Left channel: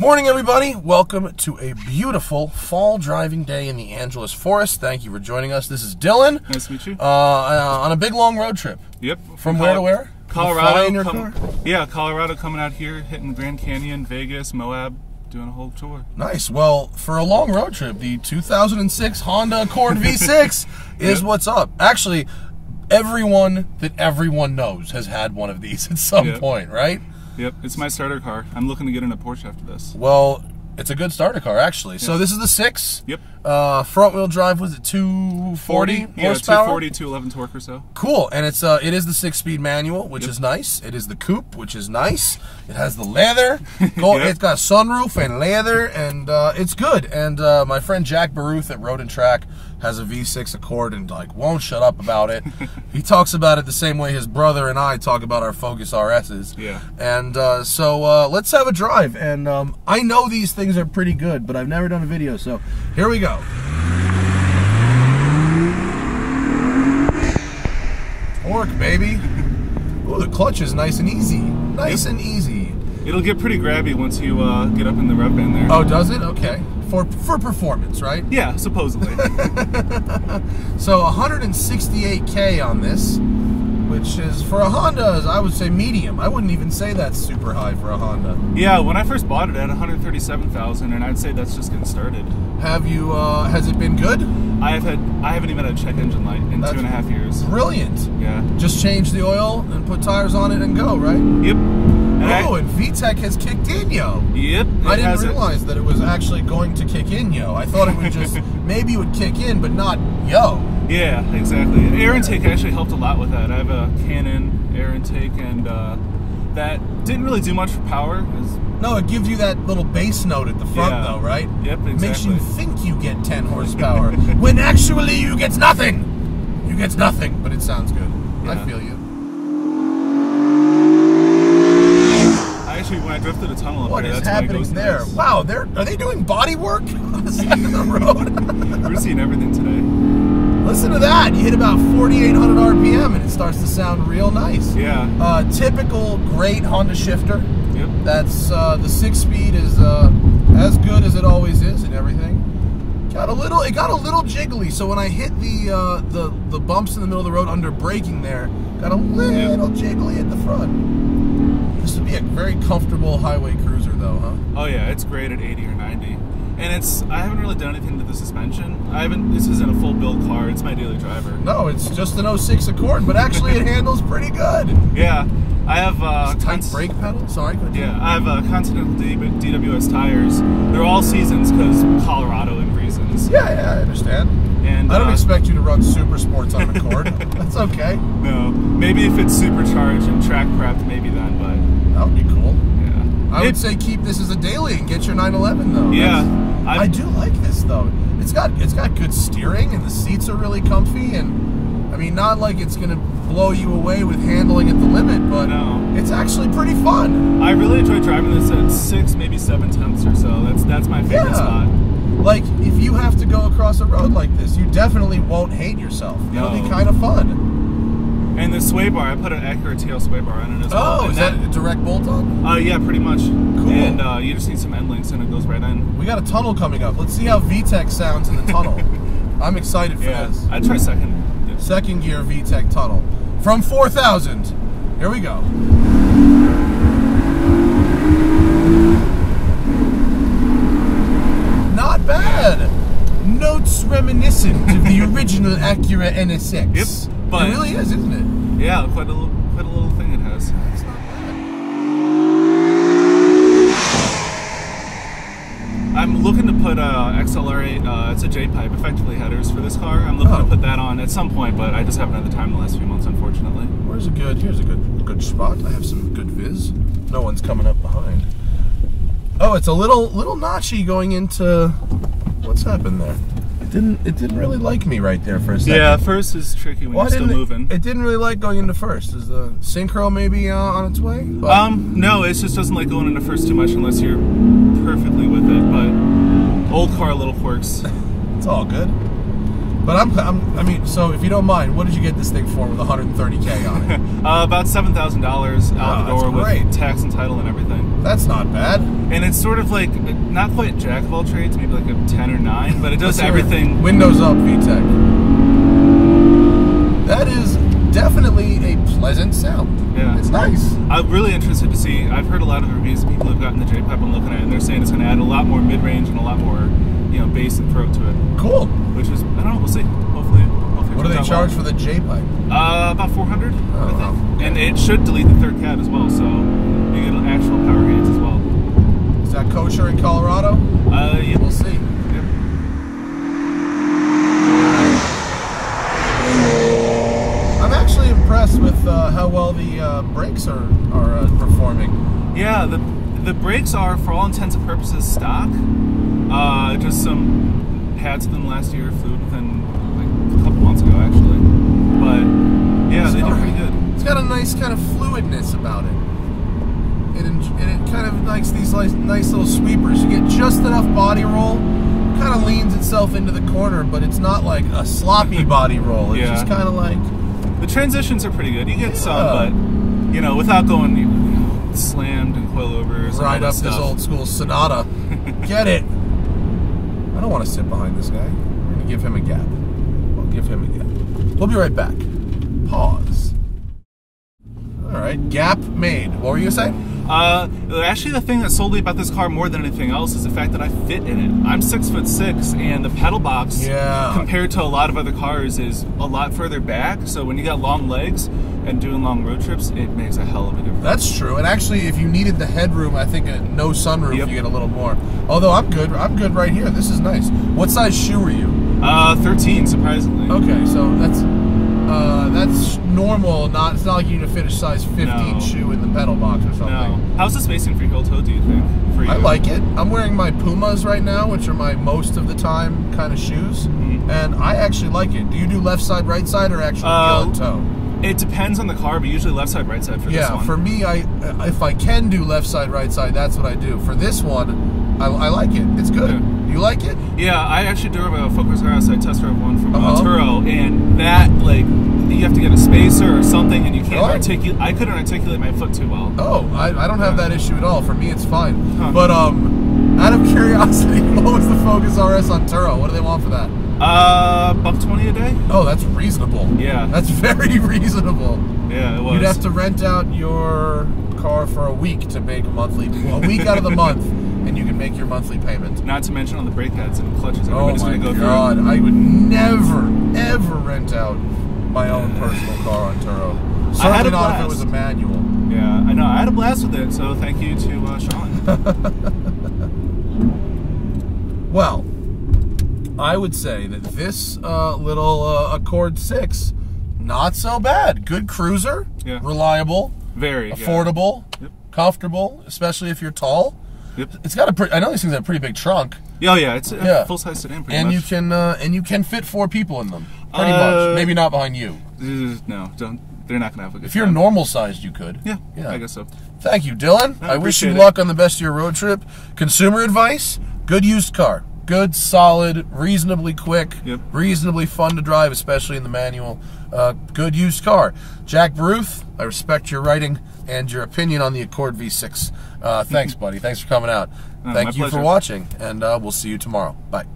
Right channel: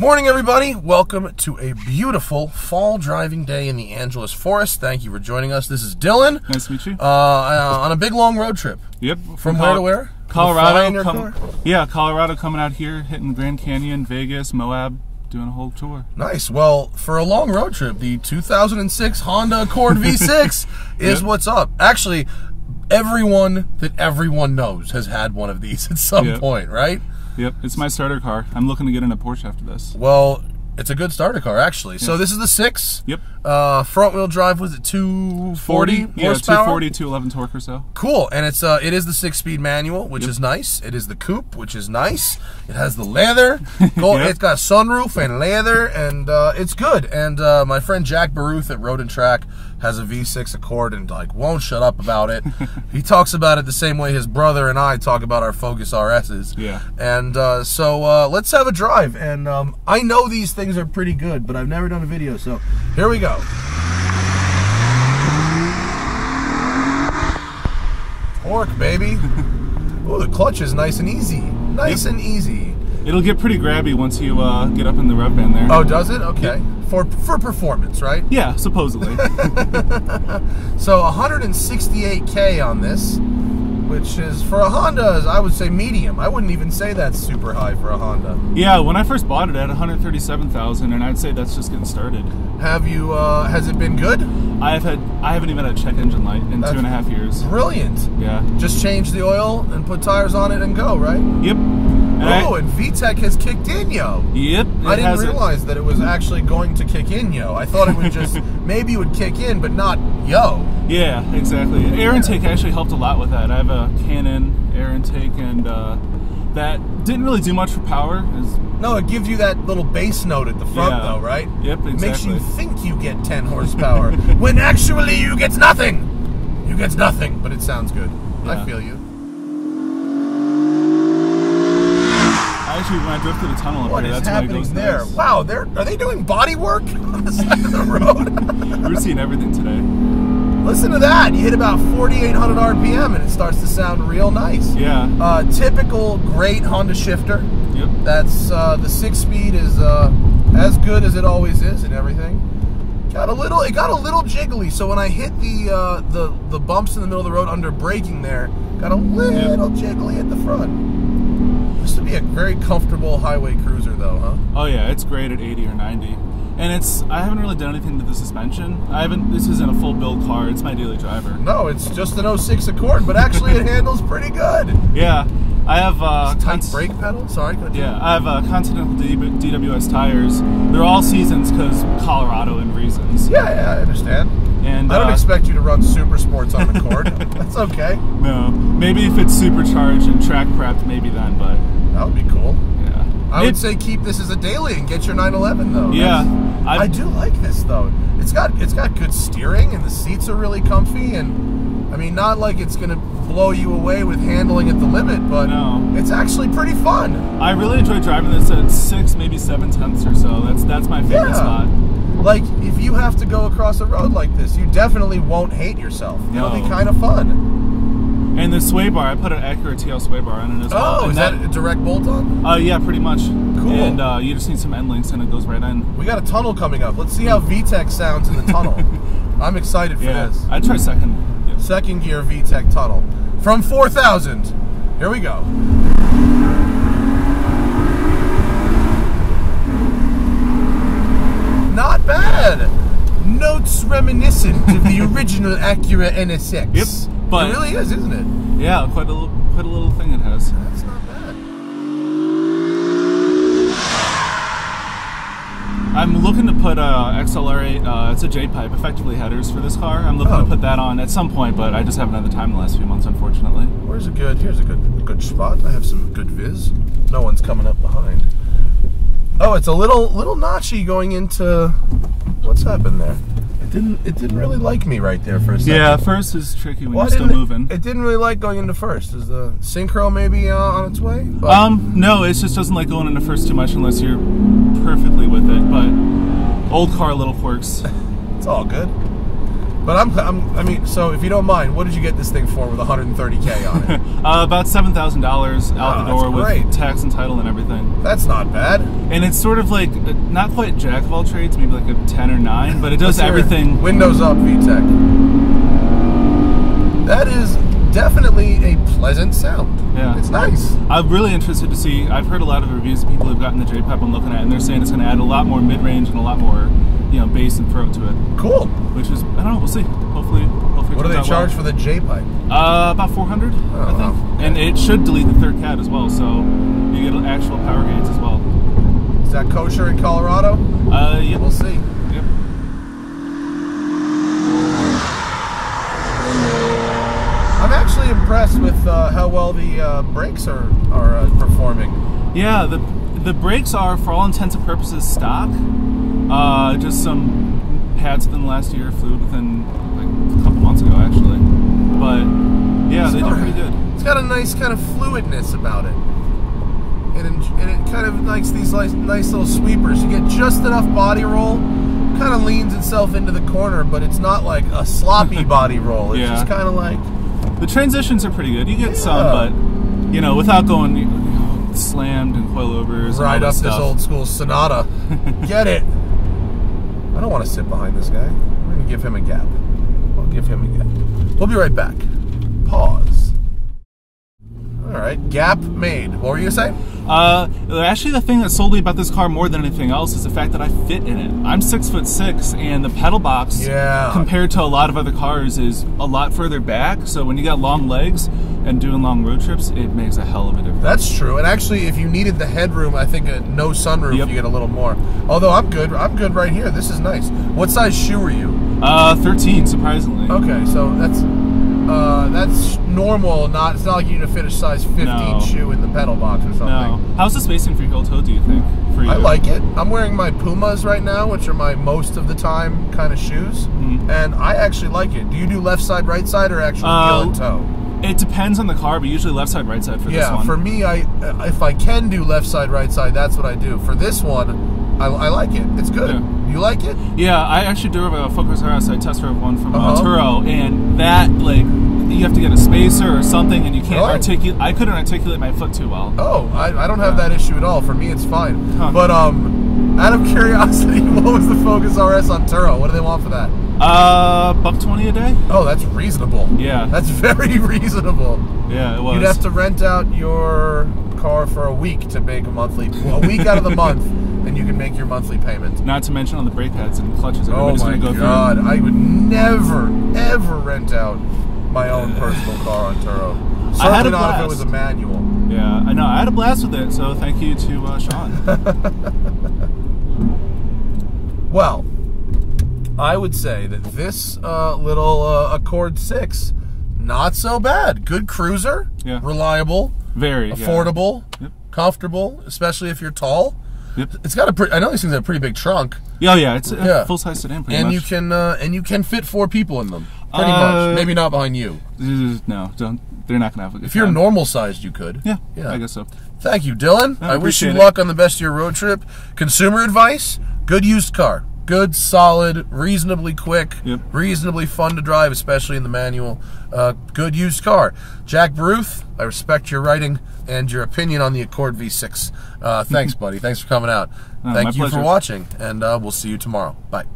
Morning, everybody. Welcome to a beautiful fall driving day in the Angeles Forest. Thank you for joining us. This is Dylan. Nice to meet you. On a big, long road trip. Yep. From where to where? Colorado. Yeah, Colorado, coming out here, hitting Grand Canyon, Vegas, Moab, doing a whole tour. Nice. Well, for a long road trip, the 2006 Honda Accord V6 is what's up. Actually, everyone that everyone knows has had one of these at some point, right? Yep, it's my starter car. I'm looking to get in a Porsche after this. Well, it's a good starter car, actually. So this is the 6. Yep. Front wheel drive, was it 240 Yeah, horsepower? 240, 211 torque or so. Cool, and it is the 6-speed manual, which is nice. It is the coupe, which is nice. It has the leather. It's got a sunroof and leather, and it's good. And my friend Jack Baruth at Road and Track has a V6 Accord and won't shut up about it. He talks about it the same way his brother and I talk about our Focus RSs. Yeah. And so let's have a drive. And I know these things are pretty good, but I've never done a video, so here we go. Torque, baby. Ooh, the clutch is nice and easy. Nice and easy. It'll get pretty grabby once you get up in the rev band there. Oh, does it? Okay. For performance, right? Yeah, supposedly. So 168K on this, which is, for a Honda, I would say medium. I wouldn't even say that's super high for a Honda. Yeah, when I first bought it at 137,000, and I'd say that's just getting started. Have you, has it been good? I haven't even had a check engine light in 2.5 years. Brilliant. Yeah. Just change the oil and put tires on it and go, right? Yep. And VTEC has kicked in, yo. Yep. I didn't realize that it was actually going to kick in, yo. I thought it would just, maybe it would kick in, but not yo. Yeah, exactly. Air intake actually helped a lot with that. I have a Canon air intake, and that didn't really do much for power. No, it gives you that little bass note at the front, though, right? Yep, exactly. It makes you think you get 10 horsepower, when actually you get nothing. You get nothing, but it sounds good. Yeah. I feel you. Actually, when I drove through the tunnel up What there, is that's happening when it goes there? nice. Wow, are they doing body work on the side of the road? We're seeing everything today. Listen to that. You hit about 4,800 RPM and it starts to sound real nice. Yeah. Typical great Honda shifter. Yep. That's the 6-speed is as good as it always is and everything. It got a little jiggly. So when I hit the bumps in the middle of the road under braking there, got a little jiggly at the front. This would be a very comfortable highway cruiser, though, huh? Oh yeah, it's great at 80 or 90. And I haven't really done anything to the suspension. This isn't a full build car, it's my daily driver. No, it's just an 06 Accord, but actually it handles pretty good. Yeah, I have tight brake pedal, sorry. Yeah, I have Continental DWS tires. They're all seasons because Colorado and reasons. Yeah, I understand. And I don't expect you to run super sports on an Accord. That's okay. No, maybe if it's supercharged and track prepped, maybe then, but that would be cool. Yeah. I would say keep this as a daily and get your 911 though. Yeah. I do like this though. It's got good steering and the seats are really comfy, and I mean, not like it's gonna blow you away with handling at the limit, but it's actually pretty fun. I really enjoy driving this at 6, maybe 7 tenths or so. That's my favorite spot. Like, if you have to go across a road like this, you definitely won't hate yourself. It'll be kind of fun. And the sway bar, I put an Acura TL sway bar on it as well. Oh, is that a direct bolt-on? Yeah, pretty much. Cool. And you just need some end links and it goes right in. We got a tunnel coming up. Let's see how VTEC sounds in the tunnel. I'm excited for this. I'd try second. Yeah. Second gear VTEC tunnel. From 4,000. Here we go. Not bad. Notes reminiscent of the original Acura NSX. Yep, but it really is, isn't it? Yeah, quite a little thing it has. That's not bad. I'm looking to put XLR8, it's a J-pipe, effectively headers for this car. I'm looking to put that on at some point, but I just haven't had the time the last few months, unfortunately. Here's a good spot. I have some good viz. No one's coming up behind. Oh, it's a little notchy going into, what's happened there? It didn't really like me right there for a second. Yeah, first is tricky when you're still moving. It didn't really like going into first. Is the synchro maybe on its way? No, it just doesn't like going into first too much unless you're perfectly with it. But old car little quirks. It's all good. But I mean, so if you don't mind, what did you get this thing for with 130K on it? About $7,000 out the door with tax and title and everything. That's not bad. And it's sort of like, not quite jack of all trades, maybe like a 10 or 9, but it does everything. Windows up, VTEC. That is definitely a pleasant sound. Yeah. It's nice. I'm really interested to see, I've heard a lot of reviews of people who've gotten the J-Pipe I'm looking at, and they're saying it's going to add a lot more mid-range and a lot more, you know, bass and throat to it. Cool. Which is, I don't know, we'll see. Hopefully what do they charge for the J-Pipe? About 400, I think. Wow. And it should delete the third cat as well, so you get actual power gains as well. Is that kosher in Colorado? Yeah. We'll see. Yep. I'm actually impressed with how well the brakes are performing. Yeah, the brakes are, for all intents and purposes, stock. Just some pads within the last year, fluid within like a couple months ago, actually. But yeah, they do pretty good. It's got a nice kind of fluidness about it. And it kind of likes these nice little sweepers. You get just enough body roll. Kind of leans itself into the corner, but it's not like a sloppy body roll. It's just kind of like... The transitions are pretty good. You get some, but, you know, without going slammed and coilovers. Right up this old school Sonata. Get it. I don't want to sit behind this guy. We're going to give him a gap. I'll give him a gap. We'll be right back. Pause. All right, gap made. What were you going to say? Actually, the thing that sold me about this car more than anything else is the fact that I fit in it. I'm 6'6", and the pedal box, compared to a lot of other cars, is a lot further back. So when you got long legs and doing long road trips, it makes a hell of a difference. That's true. And actually, if you needed the headroom, I think no sunroof, you get a little more. Although I'm good. I'm good right here. This is nice. What size shoe are you? 13, surprisingly. Okay, so that's normal. It's not like you need to fit a size 15 shoe in the pedal box or something. No. How's the spacing for your heel toe, do you think? For you? I like it. I'm wearing my Pumas right now, which are my most of the time kind of shoes, and I actually like it. Do you do left side, right side, or actually heel and toe? It depends on the car, but usually left side, right side for this one. Yeah, for me, if I can do left side, right side, that's what I do. For this one, I like it. It's good. Yeah. You like it? Yeah, I actually drove a Focus RS. I test drove one from Turo, and that, like, you have to get a spacer or something, and you can't articulate. I couldn't articulate my foot too well. Oh, I don't have that issue at all. For me, it's fine. Huh. But out of curiosity, what was the Focus RS on Turo? What do they want for that? $120 a day. Oh, that's reasonable. Yeah, that's very reasonable. Yeah, it was. You'd have to rent out your car for a week to make a week out of the month, and you can make your monthly payment. Not to mention on the brake pads and clutches. Oh my God! I would never ever rent out my own personal car on Turo. Certainly not if it was a manual. Yeah, I know. I had a blast with it, so thank you to Sean. Well, I would say that this little Accord 6, not so bad. Good cruiser, reliable, very affordable, comfortable, especially if you're tall. It's got a I know these things have a pretty big trunk. Oh yeah, it's a full-size sedan pretty much. And you can fit 4 people in them. Pretty much. Maybe not behind you. No, don't. They're not gonna have a good If you're normal sized, you could. Yeah, I guess so. Thank you, Dylan. I wish you luck on the best of your road trip. Consumer advice: good used car. Good, solid, reasonably quick, reasonably fun to drive, especially in the manual. Good used car. Jack Baruth, I respect your writing and your opinion on the Accord V6. Thanks, buddy. Thanks for coming out. Thank you for watching, and we'll see you tomorrow. Bye.